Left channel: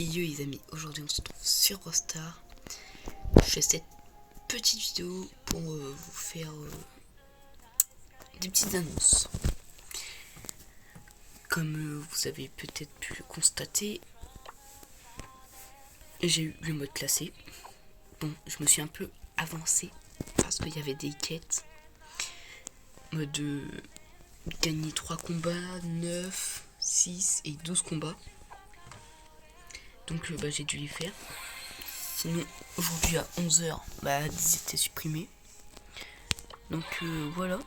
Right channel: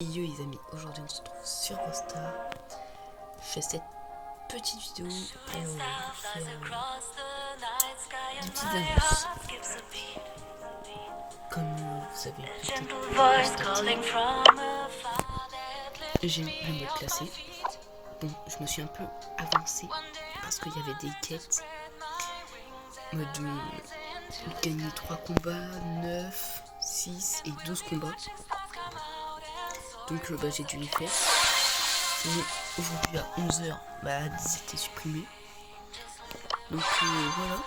Yo les amis, aujourd'hui on se retrouve sur Rostar. Je fais cette petite vidéo pour vous faire des petites annonces. Comme vous avez peut-être pu le constater, j'ai eu le mode classé. Bon, je me suis un peu avancé parce qu'il y avait des quêtes. Mode gagner 3 combats, 9, 6 et 12 combats. Donc j'ai dû les faire. Sinon, aujourd'hui à 11h, ils étaient supprimés. Donc voilà.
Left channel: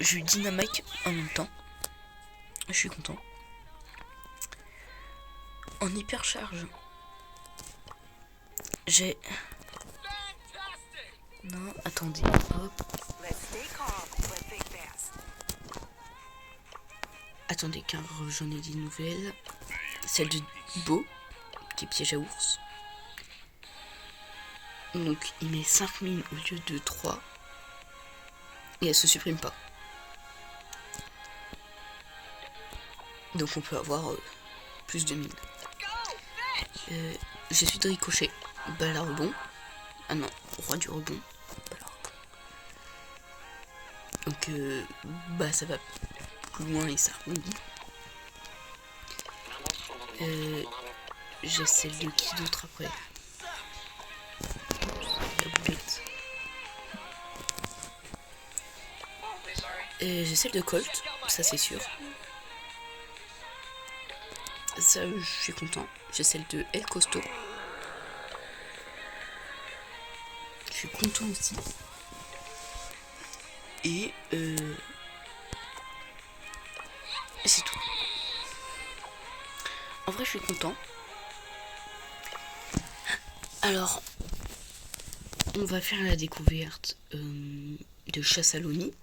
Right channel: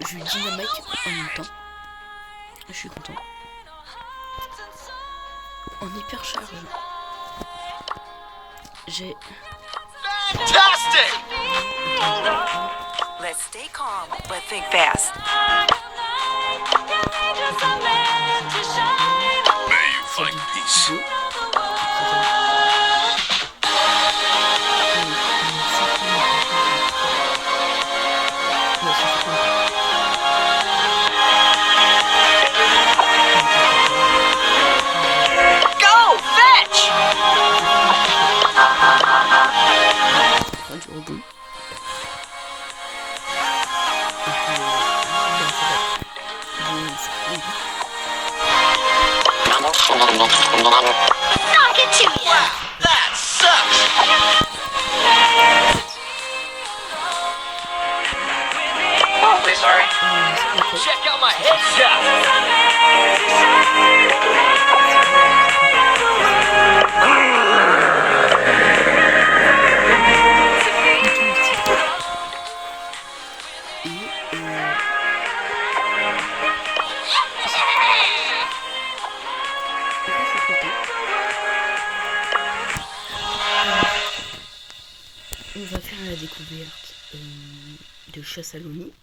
J'ai eu Dynamite en même temps. Je suis content. En hyper charge, j'ai. Let's stay calm, but think fast. Attendez, celle de Beau, c'est jaloux. On est 5 minutes à 3. Et elle se supprime pas. Go, fetch! J'ai tout le temps touché. Enfin, du rebond. Donc, ça va. Bon, ça va. Knock it to you! That sucks! Awfully sorry. J'essaie de coach. Check out my Ça, c'est sûr. Et c'est tout. En vrai, je suis content. Alors, on va faire la découverte de Chassaloni,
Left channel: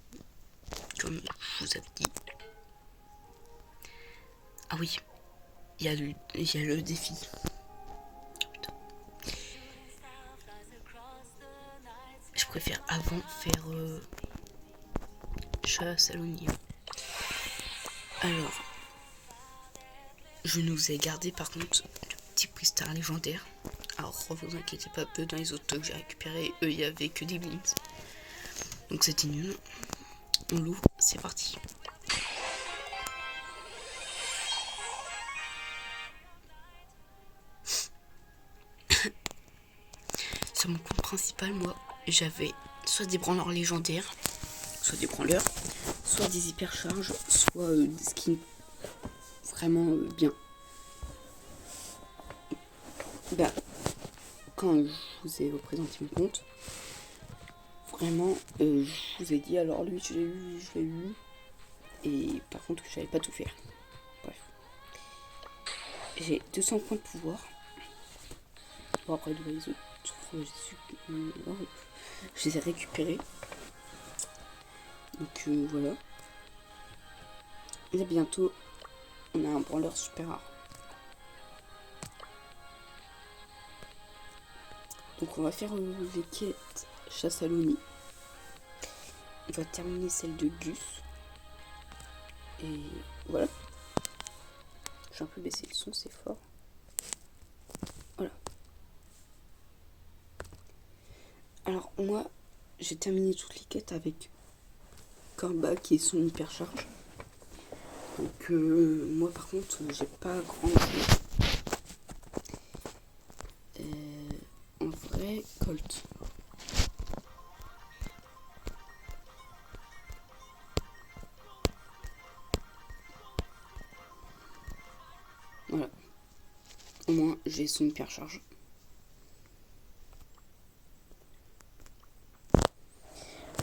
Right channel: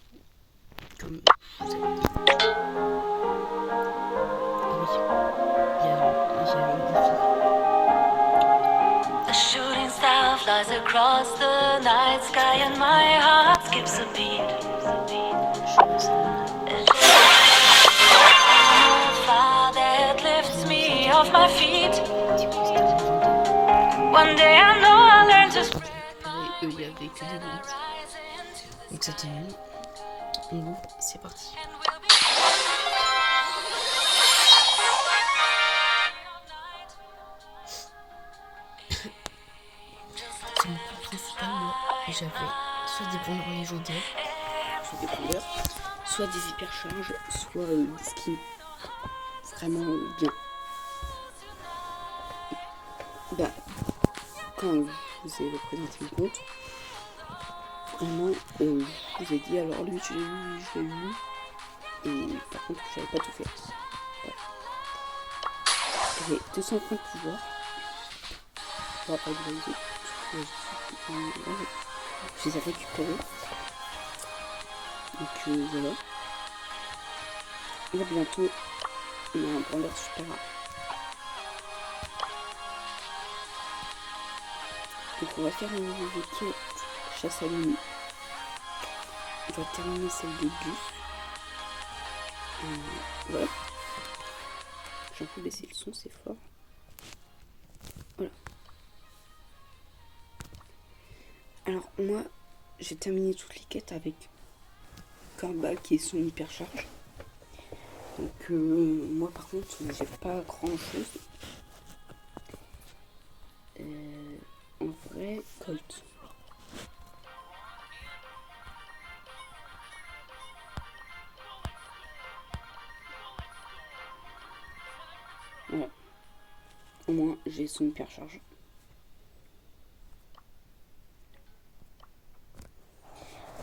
comme je vous avais dit. Ah oui, il y a le défi. A shooting star flies across the night sky and my heart skips a beat. Chassaloni. Fire that lifts me off my feet. Petit star légendaire. One day I know I'll learn to Donc j'ai récupéré, il y avait que des bons. Donc c'était nul. On l'ouvre, c'est parti. C'est mon compte principal, moi. J'avais soit des branleurs légendaires, soit des branleurs, soit des hypercharges, soit des skins vraiment bien. Quand je vous ai représenté mon compte, vraiment, je vous ai dit, alors lui, je l'ai eu, et par contre, j'avais pas tout fait. Bref. J'ai 200 points de pouvoir. Bon, après, vous voyez, je les ai récupérés. Donc, voilà. Et là, bientôt, on a un branleur super rare. Donc, on va faire les quêtes Chassaloni. On va terminer celle de Gus. Voilà. J'ai un peu baissé le son, c'est fort. Voilà. Alors moi, j'ai terminé toutes les quêtes avec Corba qui est son hypercharge. Donc moi par contre, j'ai pas grand chose. En vrai, Colt. Voilà. Au moins, j'ai son hypercharge.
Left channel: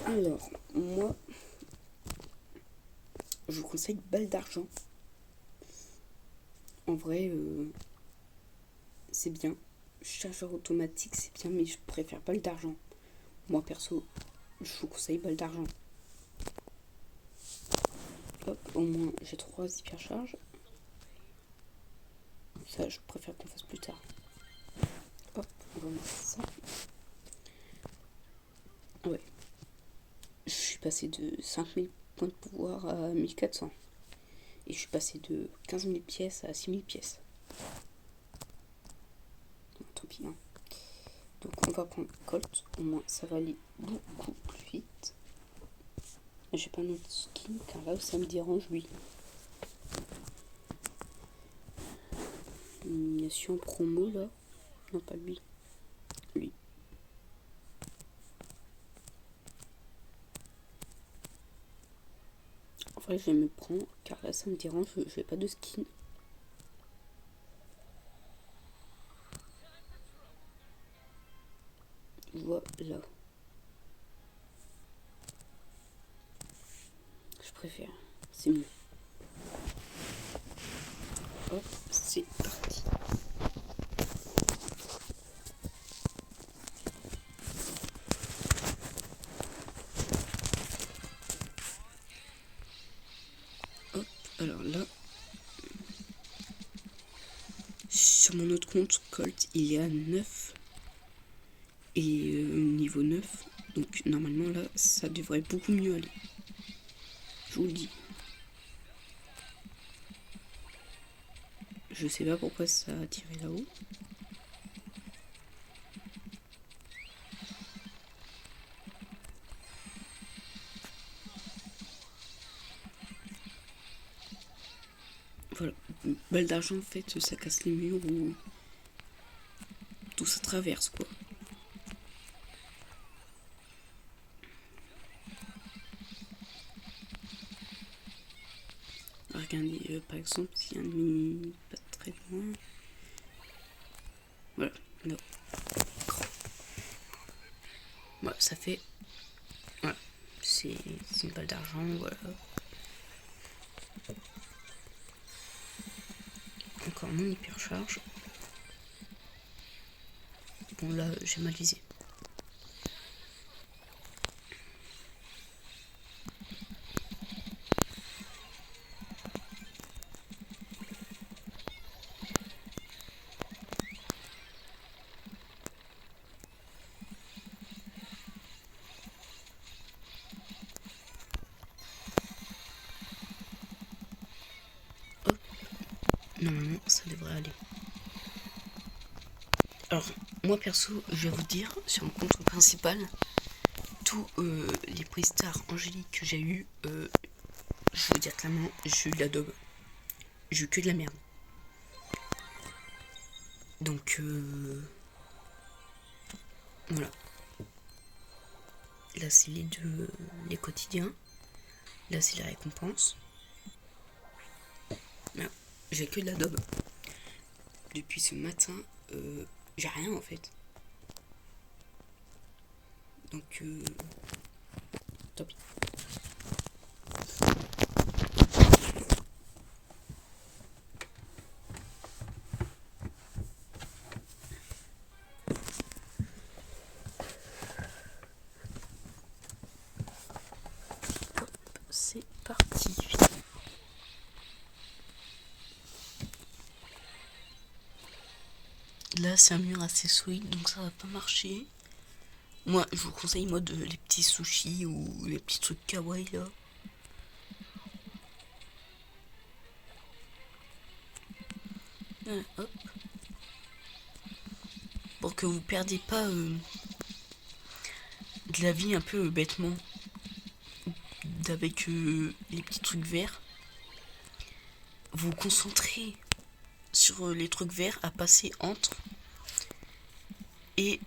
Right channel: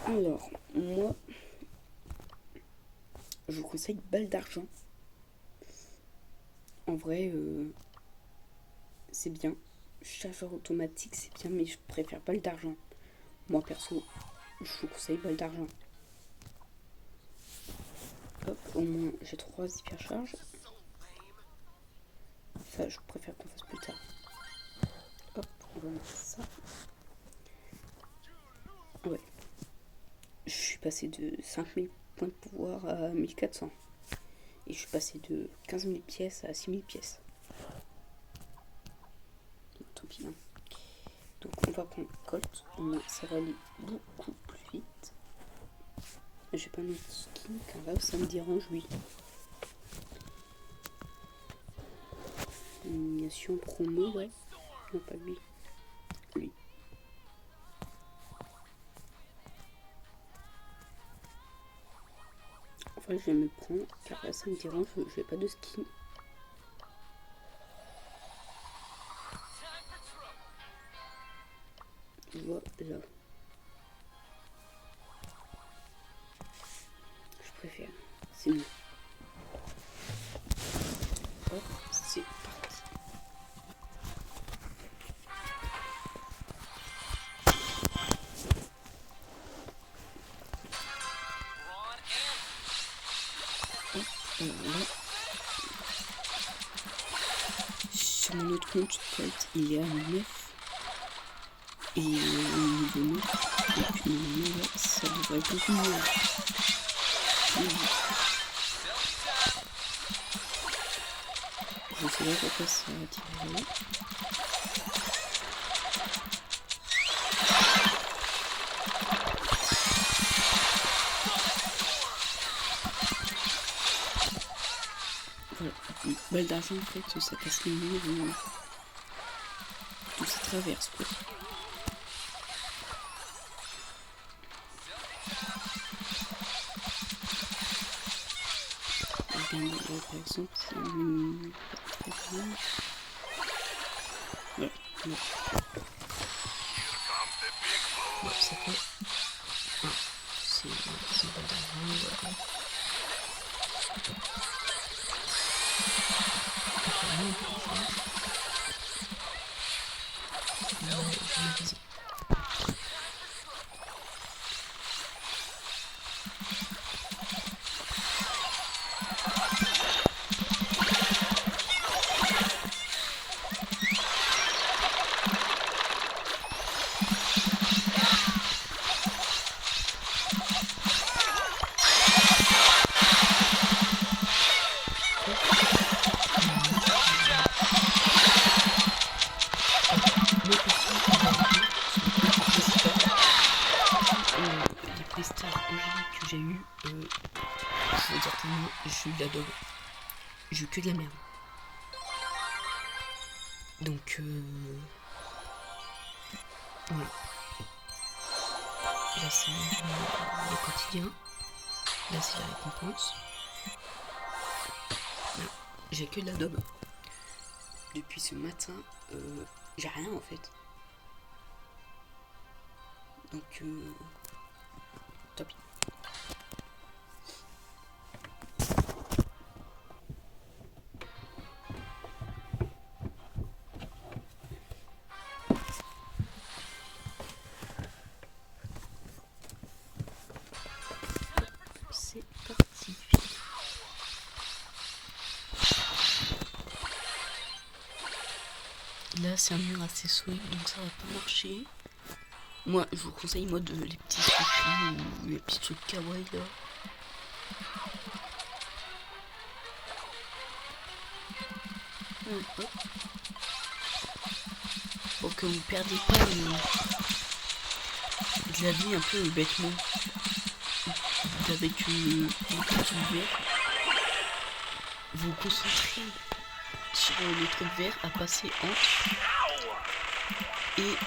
Alors, moi, je vous conseille balle d'argent. En vrai, c'est bien. Chargeur automatique, c'est bien, mais je préfère balle d'argent. Moi, perso, je vous conseille balle d'argent. Hop, au moins, j'ai 3 hypercharges. Ça, je préfère qu'on fasse plus tard. Hop, on va mettre ça. Ouais. Je suis passé de 5000 points de pouvoir à 1400. Et je suis passé de 15 000 pièces à 6 000 pièces. Bon, tant pis, hein. Donc on va prendre Colt, au moins ça va aller beaucoup plus vite. J'ai pas notre skin car là ça me dérange lui. Nomination promo, ouais. Non, pas lui. Lui. En vrai, je vais me prendre car là ça me dérange, j'ai pas de skin. Voilà. Je préfère. C'est mieux. Hop, c'est parti. Hop, alors là. Sur mon autre compte, Colt, il est à 9. Et niveau 9. Donc normalement là, ça devrait être beaucoup mieux. Je sais pas pourquoi ça a tiré là. Voilà, une balle d'argent en fait, ça casse les murs, tout ça traverse quoi. Regardez, par exemple, c'est un pas très grand. Voilà, bon. Bon, ça fait. Voilà, c'est une balle d'argent, voilà. Donc là, on peut changer. Là, j'ai ma visée. Moi perso, on va dire sur le compte principal, tous les prestars angéliques que j'ai eu, je veux dire clairement, j'ai eu de la daube. J'ai eu que de la merde. Donc voilà. Là c'est les quotidiens. Là c'est la récompense. Voilà. J'ai que de la daube. Depuis ce matin, j'ai rien en fait. Donc tant pis. C'est parti. Là c'est un mur assez solide donc ça va pas marcher. Moi je vous conseille mode les petits sushis ou les petits trucs kawaii là. Ouais, hop. Pour que vous perdiez pas de la vie un peu bêtement. Avec les petits trucs verts. Vous vous concentrez sur les trucs verts à passer entre. Et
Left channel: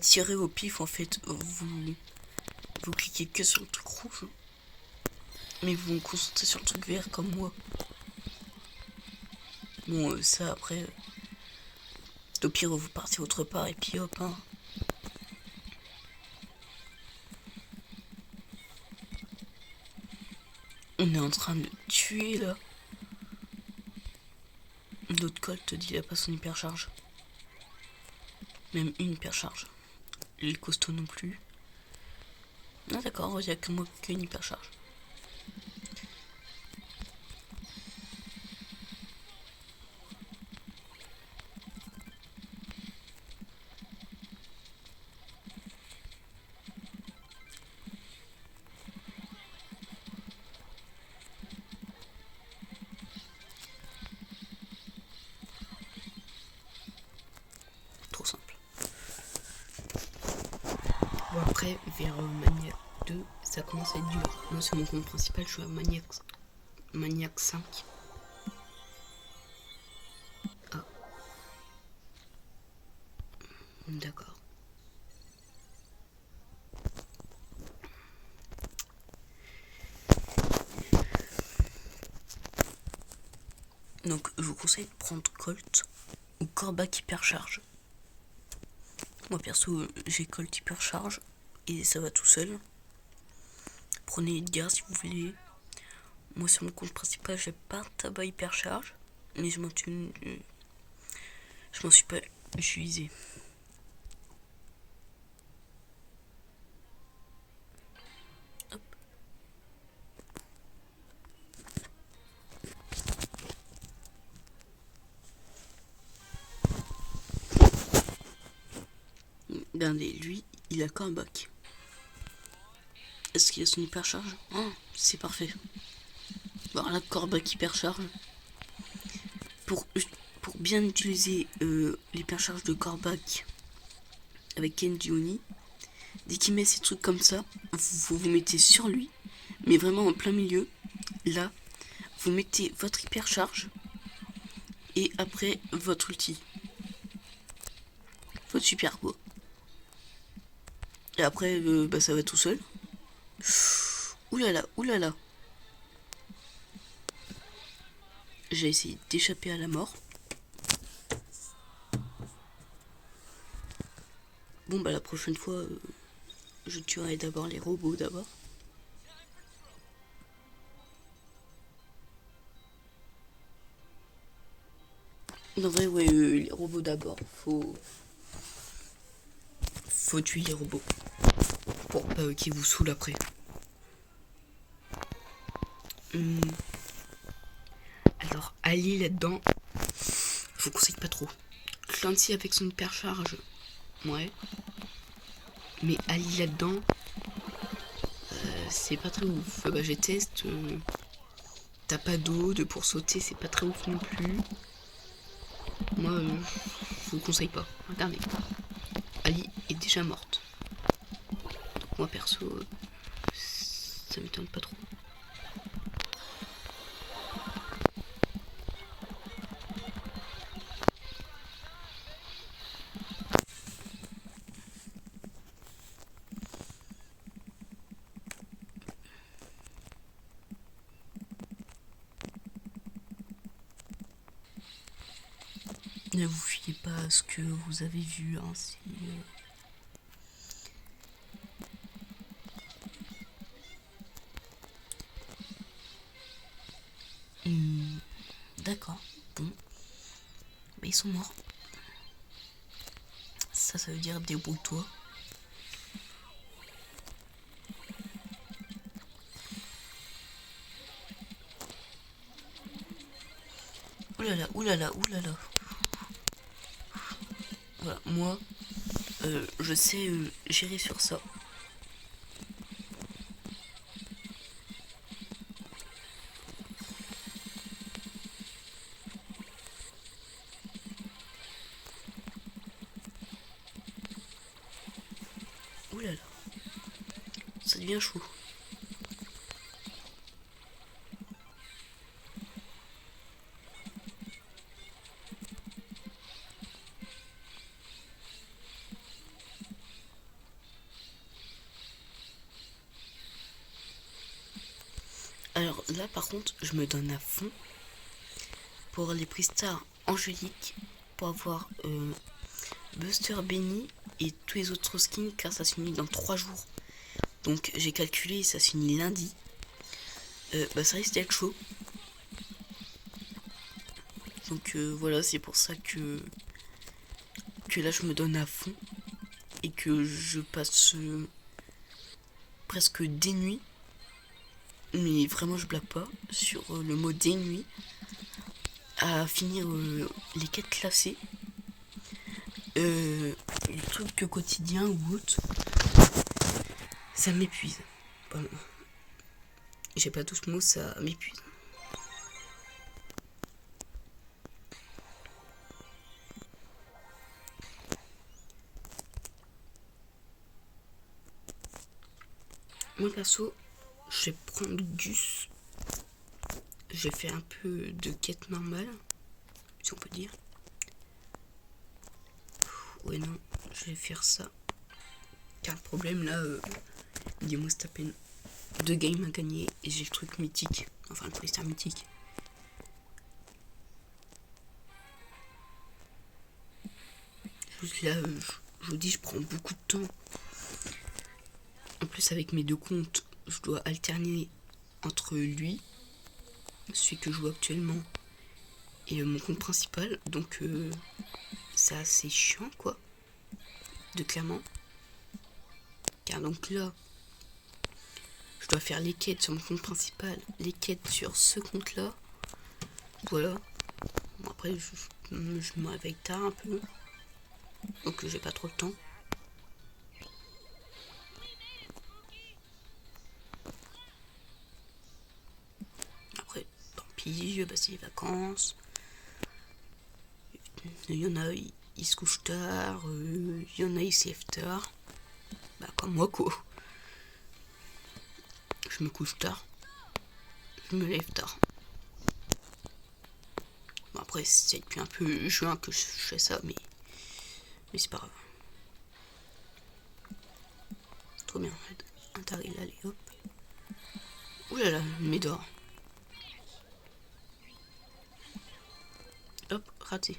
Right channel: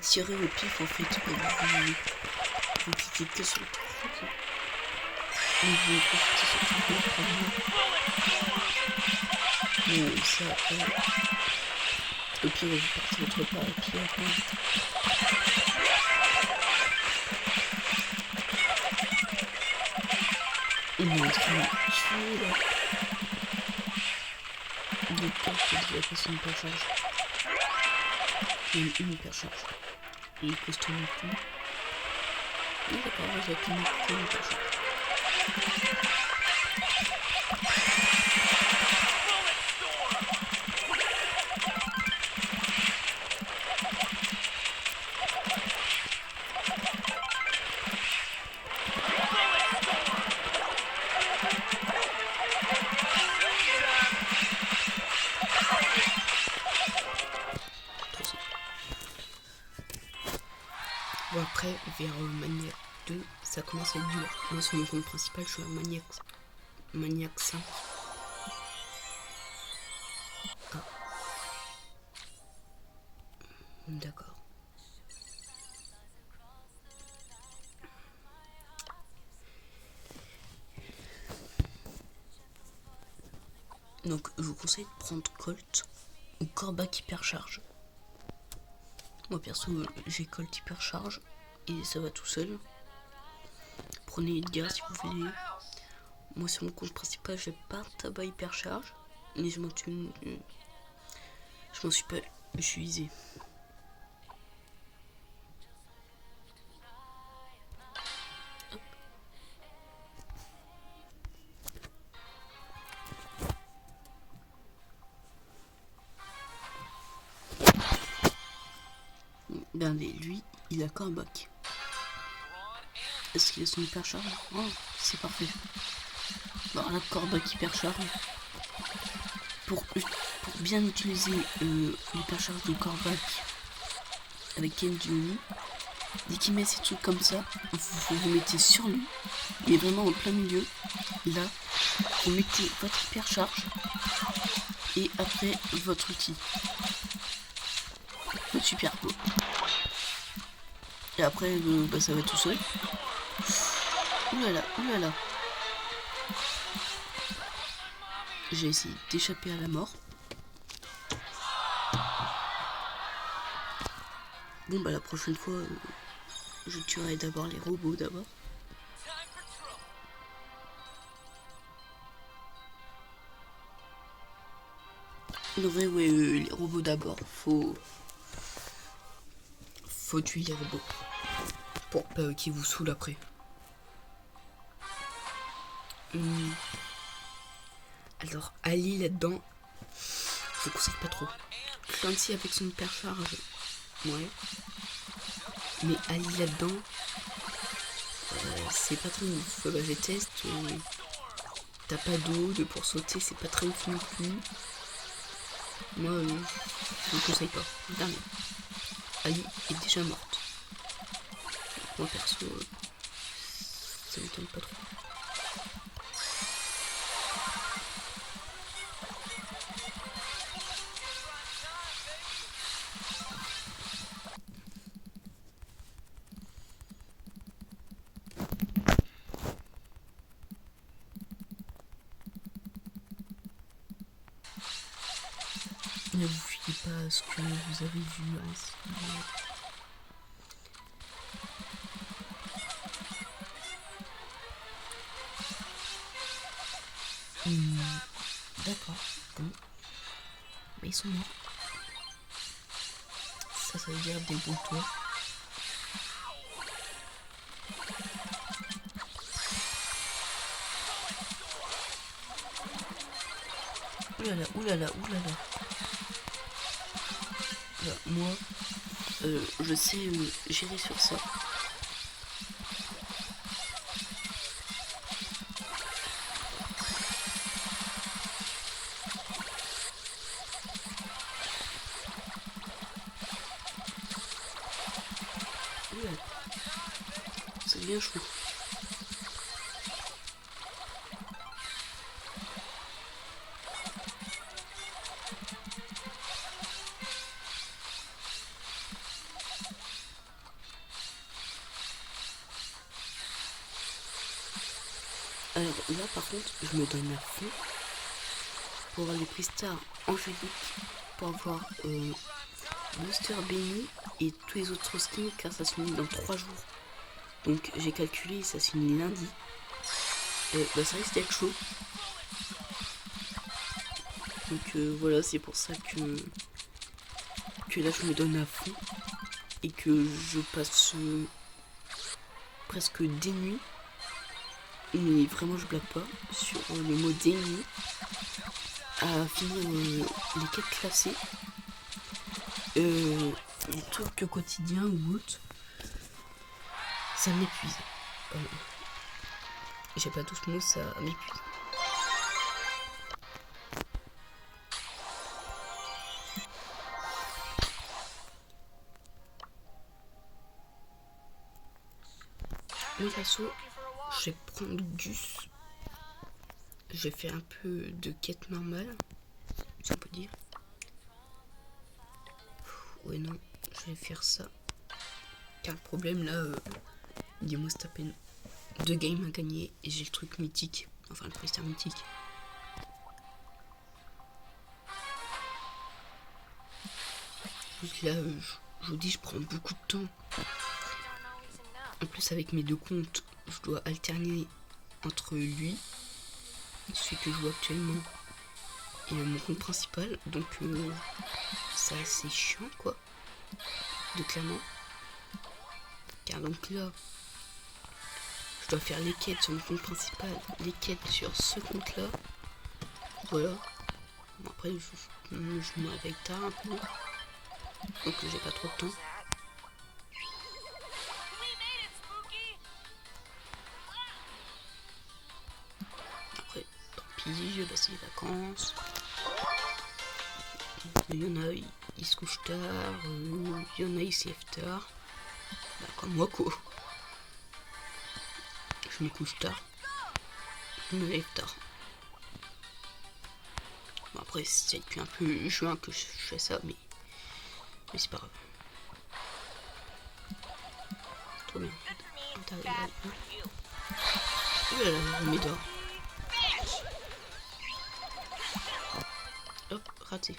tirer au pif en fait. Vous cliquez que sur le truc rouge. Et vous vous concentrez sur le truc vert comme moi. Bon, ça après. Au pire, vous partez votre pas et puis hop. On est en train de tuer là. Le Colt il a passé une hypercharge. Même une hypercharge. Les costauds non plus. Non d'accord, il n'y a qu'une hypercharge. après, vers Maniac 2, ça commence à être dur. Moi, sur mon compte principal, je suis à Maniac 5. Ah. D'accord. Donc, je vous conseille de prendre Colt ou Corbac Hypercharge. Moi, perso, j'ai Colt Hypercharge et ça va tout seul. Prenez Edgar si vous voulez. Moi, sur mon compte principal, j'ai pas un tabac Hypercharge, mais je m'en suis pas utilisé. Hop. Regardez, lui, il a qu'un bac. Est-ce qu'il a son hypercharge? Oh, c'est parfait. Bon, la Corbac hypercharge. Pour bien utiliser l'hypercharge de Corbac avec Kendioni, dès qu'il met ces trucs comme ça, vous mettez sur lui, mais vraiment en plein milieu. Là, vous mettez votre hypercharge et après votre ulti. Votre super go. Et après, ça va tout seul. Oulala, oulala. J'ai essayé d'échapper à la mort. Bon bah la prochaine fois, je tuerai d'abord les robots d'abord. En vrai, ouais, les robots d'abord. Faut tuer les robots. Pour pas qu'ils vous saoulent après. Alors, Ali là-dedans, je vous conseille pas trop. Clancy avec son hypercharge, ouais. Mais Ali là-dedans, c'est pas très ouf. Bah, j'ai testé. T'as pas d'eau, pour sauter, c'est pas très ouf non plus. Moi, je vous conseille pas. Regardez. Ali est déjà morte. Moi perso, ça m'étonne pas trop. Ne vous fiez pas à ce que vous avez vu, hein, D'accord, bon. Mais ils sont morts. Ça veut dire débrouille-toi. Oulala, oulala, oulala. Bah, moi, je sais gérer sur ça. Oulala. Ça devient chaud. Alors là par contre je me donne à fond pour avoir les prix-stars angéliques, pour avoir Buster Benny et tous les autres skins car ça se finit dans 3 jours. Donc j'ai calculé, ça se finit lundi. Ça risque d'être chaud. Donc voilà, c'est pour ça que là je me donne à fond et que je passe presque des nuits, mais vraiment je blague pas, sur le mot des nuits à finir les quêtes classées, les trucs quotidiens ou autres. Ça m'épuise. J'ai pas tous mots, ça m'épuise. Moi perso, je vais prendre Gus. Je vais faire un peu de quête normale, si on peut dire. Ouais non, je vais faire ça. Car le problème là, dis-moi c'est à peine 2 games à gagner et j'ai le truc mythique. Enfin le freestyle mythique. Juste là, je vous dis, je prends beaucoup de temps. En plus avec mes 2 comptes, je dois alterner entre lui, celui que je joue actuellement, et mon compte principal. Donc c'est assez chiant quoi, de clairement. Car donc là, je dois faire les quêtes sur mon compte principal, les quêtes sur ce compte là. Voilà. Bon, après je me réveille tard un peu. Donc j'ai pas trop de temps. Après, tant pis, je vais passer les vacances. Il y en a, ils se couchent tard. Il y en a, ils se lèvent tard. Bah comme moi quoi. Je me couche tard. Je me lève tard. Bon après c'est depuis un peu juin que je fais ça, mais c'est pas grave. Trop bien. T'arrives là, les gars. Ouh là là, Médor. Hop, raté.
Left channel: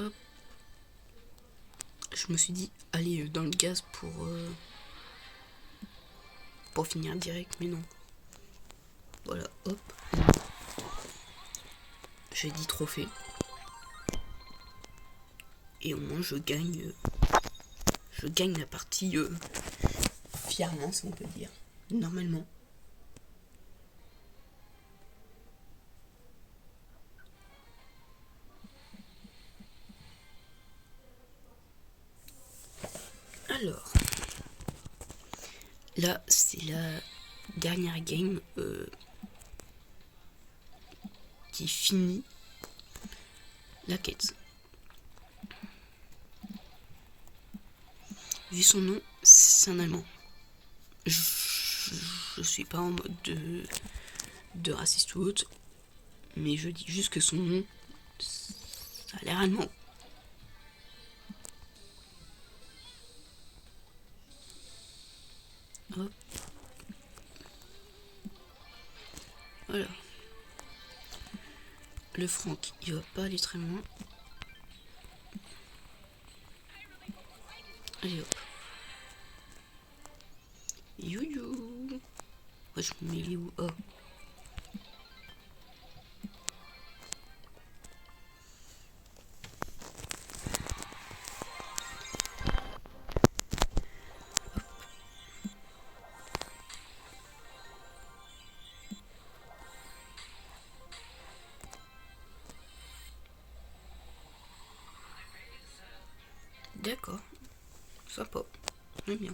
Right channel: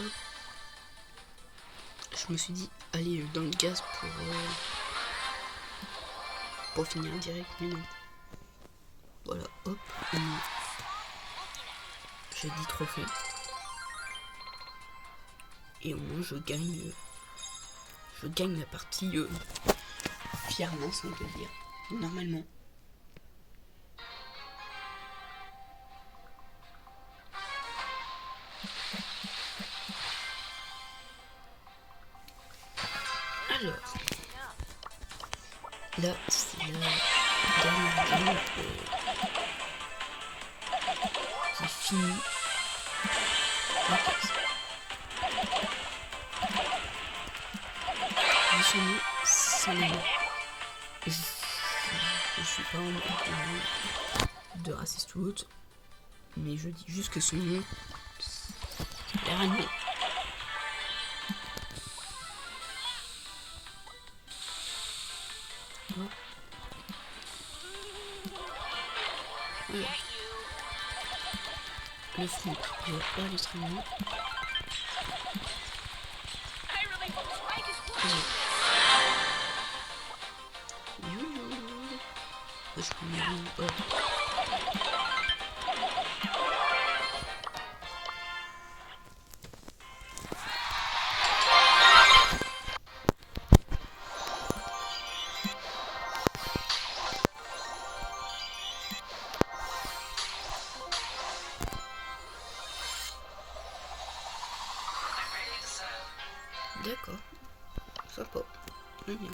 Hop. Je me suis dit, aller dans le gaz pour finir direct, mais non. Voilà, hop. J'ai 10 trophées. Et au moins je gagne la partie fièrement, si on peut dire. Normalement. Alors, là c'est la dernière game qui finit la quête. Vu son nom, c'est un amant. Je suis pas en mode de raciste ou autre, mais je dis juste que son nom, ça a l'air allemand. Oh. Voilà. Le Franck, il va pas aller très loin. Youyou. Ouais, je me mets où? Oh. D'accord. Sympa. J'aime bien.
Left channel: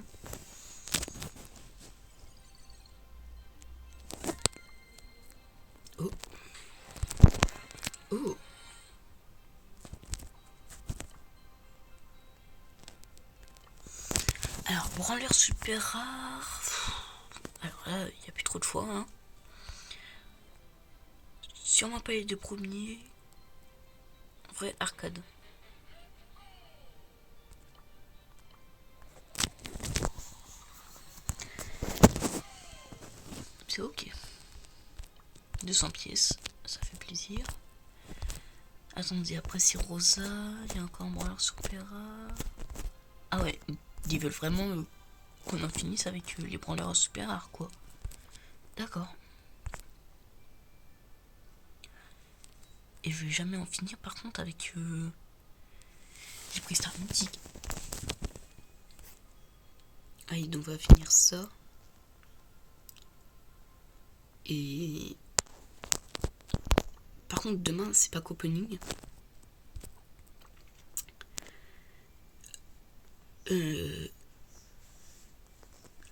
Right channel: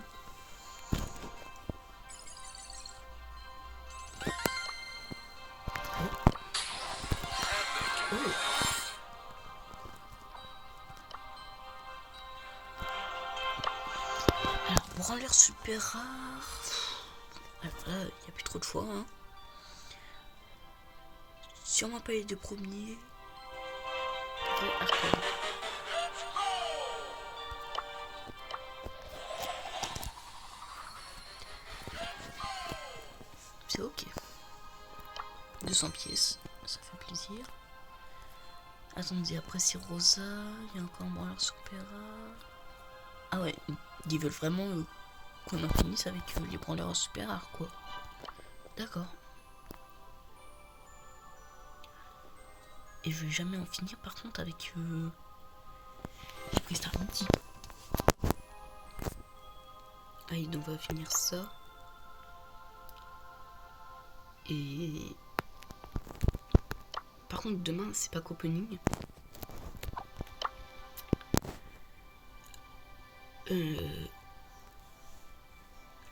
Oh. Oh. Alors, branleur super rare. Alors là, il n'y a plus trop de choix. Hein. Sûrement pas les 2 premiers. Vrai Arcane. C'est ok. 200 pièces, ça fait plaisir. Attendez, après c'est Rosa, il y a encore un branleur super rare. Ah ouais, ils veulent vraiment qu'on en finisse avec les branleurs super rares quoi. D'accord. Et je vais jamais en finir par contre avec les prix Star Multi. Allez, donc on va finir ça. Et par contre demain c'est pas qu'opening.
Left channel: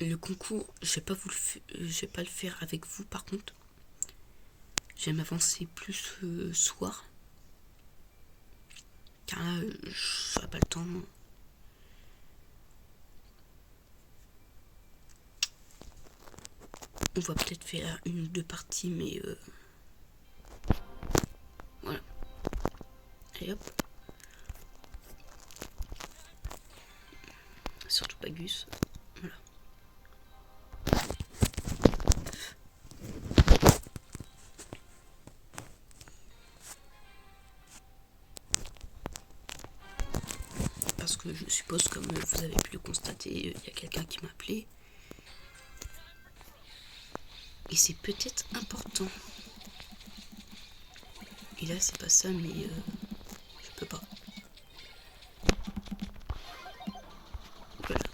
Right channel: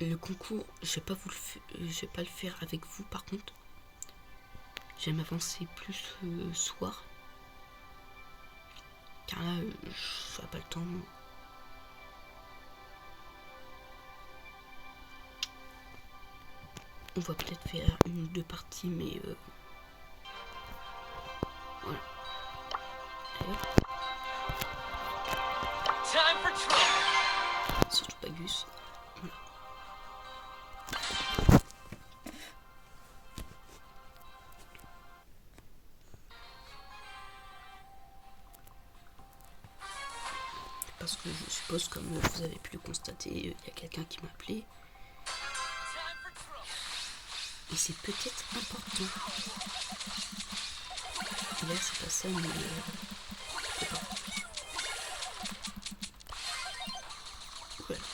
Le concours, je vais pas le faire avec vous par contre. Je vais m'avancer plus soir. Car là, je n'aurai pas le temps. On va peut-être faire 1 ou 2 parties, mais voilà. Allez hop. Surtout pas Gus. Voilà. Parce que je suppose, comme vous avez pu le constater, il y a quelqu'un qui m'a appelé. Et c'est peut-être important. Et là, c'est pas ça, mais je peux pas. Voilà.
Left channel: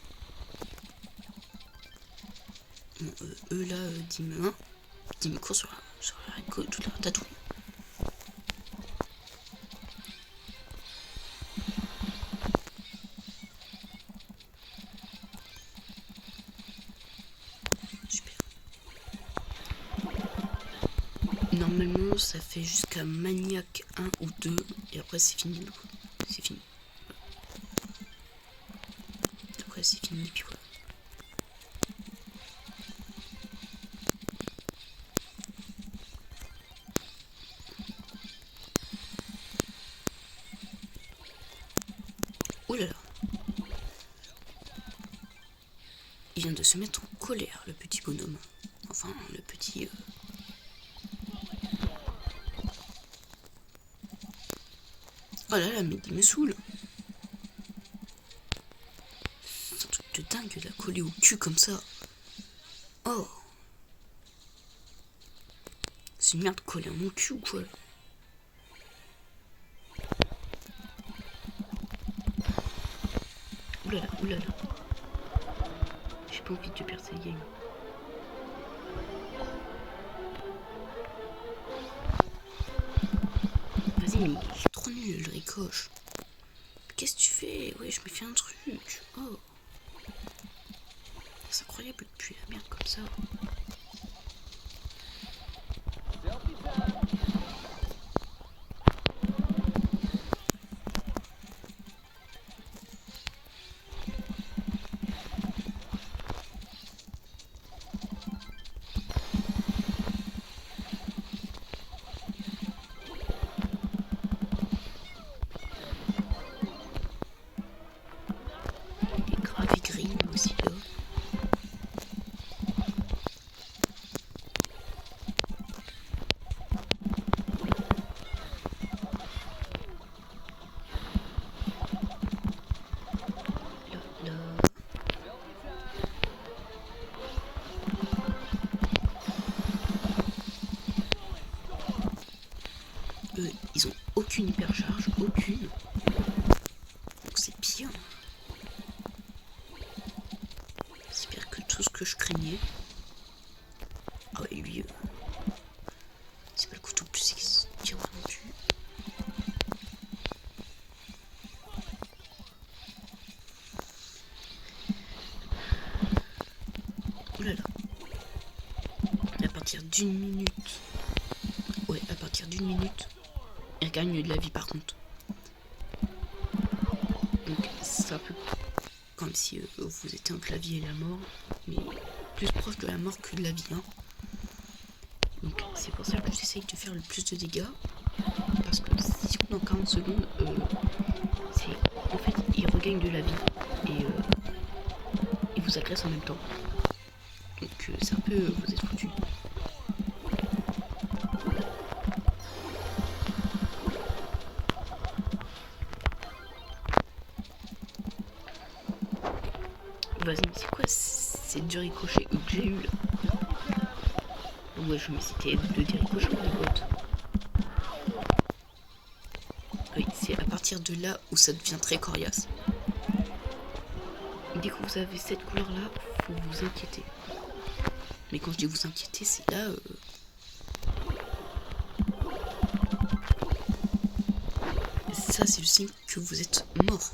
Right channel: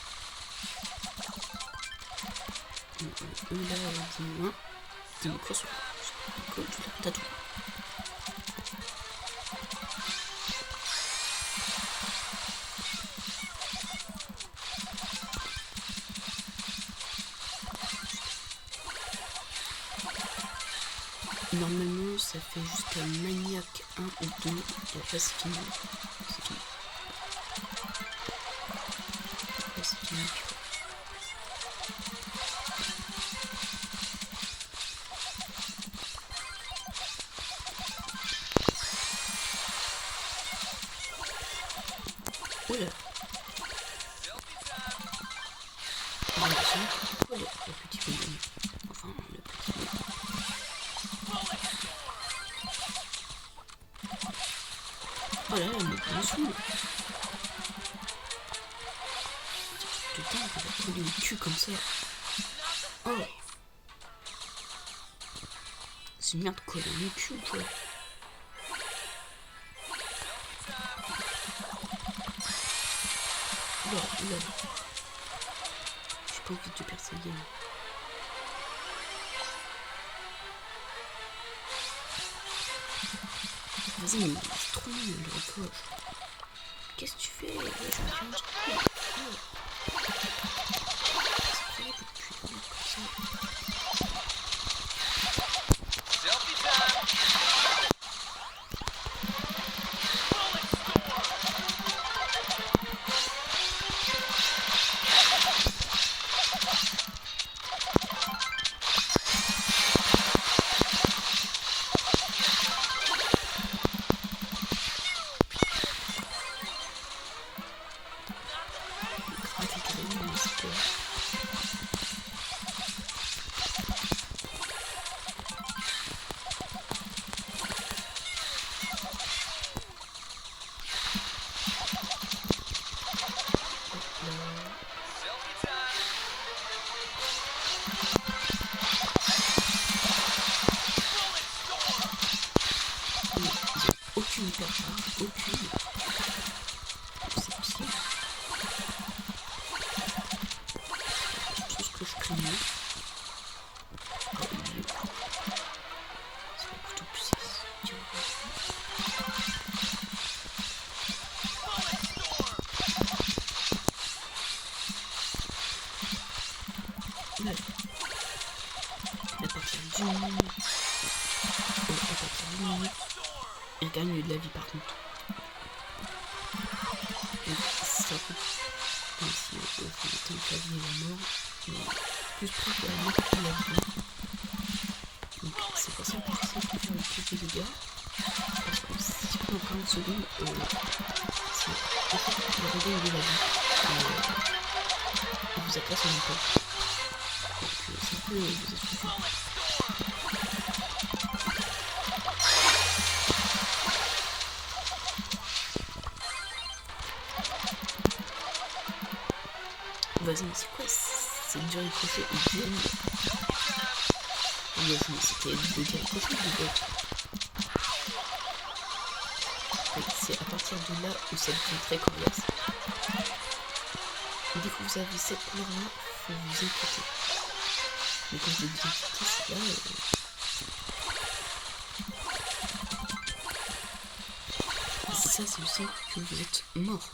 Bon, eux là, 10 000 cours sur la côte, tout là, t'as tout. Normalement, ça fait jusqu'à Maniac 1 ou 2, et après c'est fini. C'est fini. Après c'est fini, puis voilà. Oula. Il vient de se mettre en colère, le petit bonhomme. Enfin, le petit... Oh là là, mais il me saoule. C'est un truc de dingue de la coller au cul comme ça. Oh. C'est une merde collée au cul ou quoi? Oula, oula. J'ai pas envie de perdre cette game. Vas-y, mais c'est trop nul le ricoche. Qu'est-ce que tu fais? Ouais, je me fais un truc. Oh. C'est incroyable de puer la merde comme ça. Ils ont aucune hypercharge, aucune. C'est pire. C'est tout ce que je craignais. Oh, et lui, c'est pas le couteau plus 6. Tiens, oula là. À partir d'une minute. Ouais, à partir d'une minute. Il gagne de la vie par contre. Donc c'est un peu comme si vous étiez entre la vie et la mort, mais plus proche de la mort que de la vie. Donc c'est pour ça que j'essaye de faire le plus de dégâts. Parce que si pendant 40 secondes, en fait il regagne de la vie. Et il vous agresse en même temps. Donc c'est un peu vous êtes foutus. Vas-y, mais c'est quoi? C'est du ricochet ou j'ai eu. Moi je me c'était de ricochet ou d'autres. Oui, c'est à partir de là où ça devient très coriace. Dès que vous avez cette couleur là, faut vous inquiéter. Mais quand je dis vous inquiéter, c'est là. Ça, c'est le signe que vous êtes mort.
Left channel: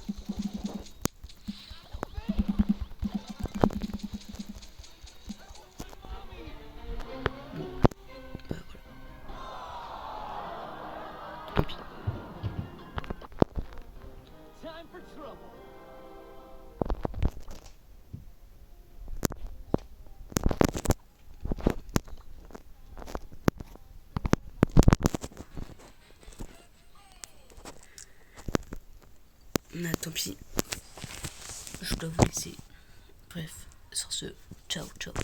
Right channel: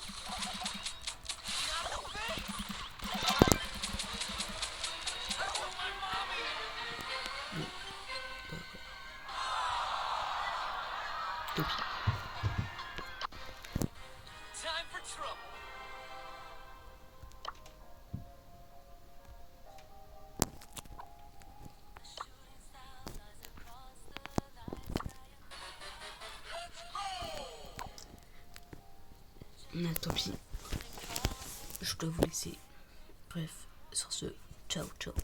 Tant pis. Je dois vous laisser. Bref, sur ce, ciao ciao.